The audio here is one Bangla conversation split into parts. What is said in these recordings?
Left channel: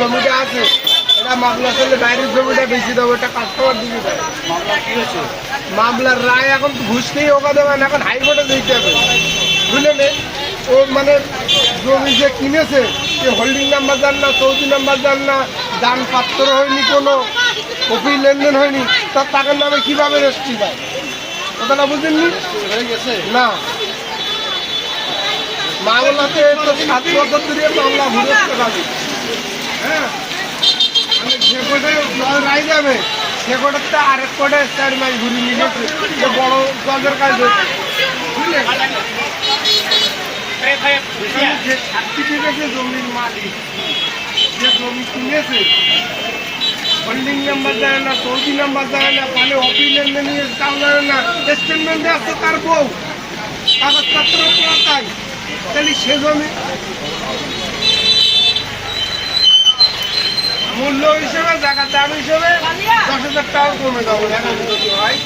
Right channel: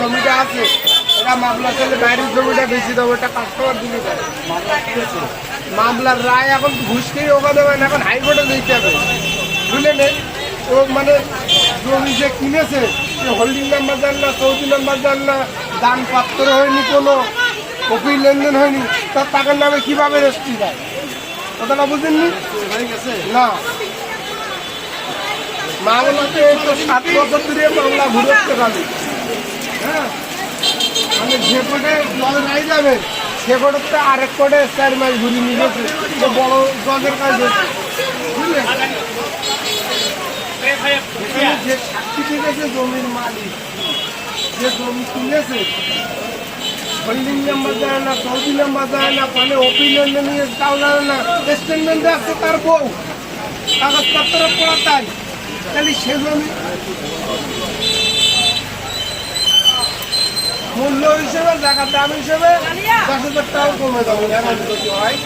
জমিটা আছে বাইরের জমিটা দেবো মামলার রায় এখন ঘুষ খেয়ে ওখানে এখন হাইকোর্টে দিতে হবে বুঝলেন ও মানে জমি যে কিনেছে সে হোল্ডিং নাম্বার জান না চৌধুরী নাম্বার জান না দান পাত্র হয়নি কোনো কপি লেনদেন হয়নি তার টাকার নামে কীভাবে রেস্ট্রি দেয়? কথাটা বুঝেননি? না। মামলাতে তো সাত বছর ধরে মামলা ঘুরতে পারি হ্যাঁ? আমি যে কোটে জল রাই যাবে সে কোটেতে আরেক কোটে চার মাইল ঘুরি নিয়ে বড় জলের কাছে সার্টিফিকেটে জমির মালিক। যে জমি কিনেছে হোল্ডিং নাম্বার না চৌধুরী নাম্বার না অফিস লেনদেন নিয়ে কাল জানে না স্টেটমেন্টে আছে তার বউ কাগজপত্র করা তাই তাহলে সে জমি মূল্য হিসেবে জায়গার দাম হিসেবে দশ হাজার টাকা কমে যাব এখন যদি হয়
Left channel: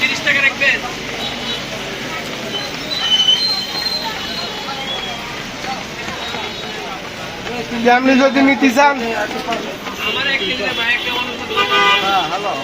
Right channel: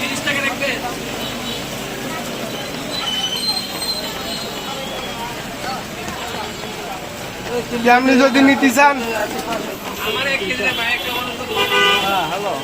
আপনি যদি নিতে চান হ্যাঁ হ্যালো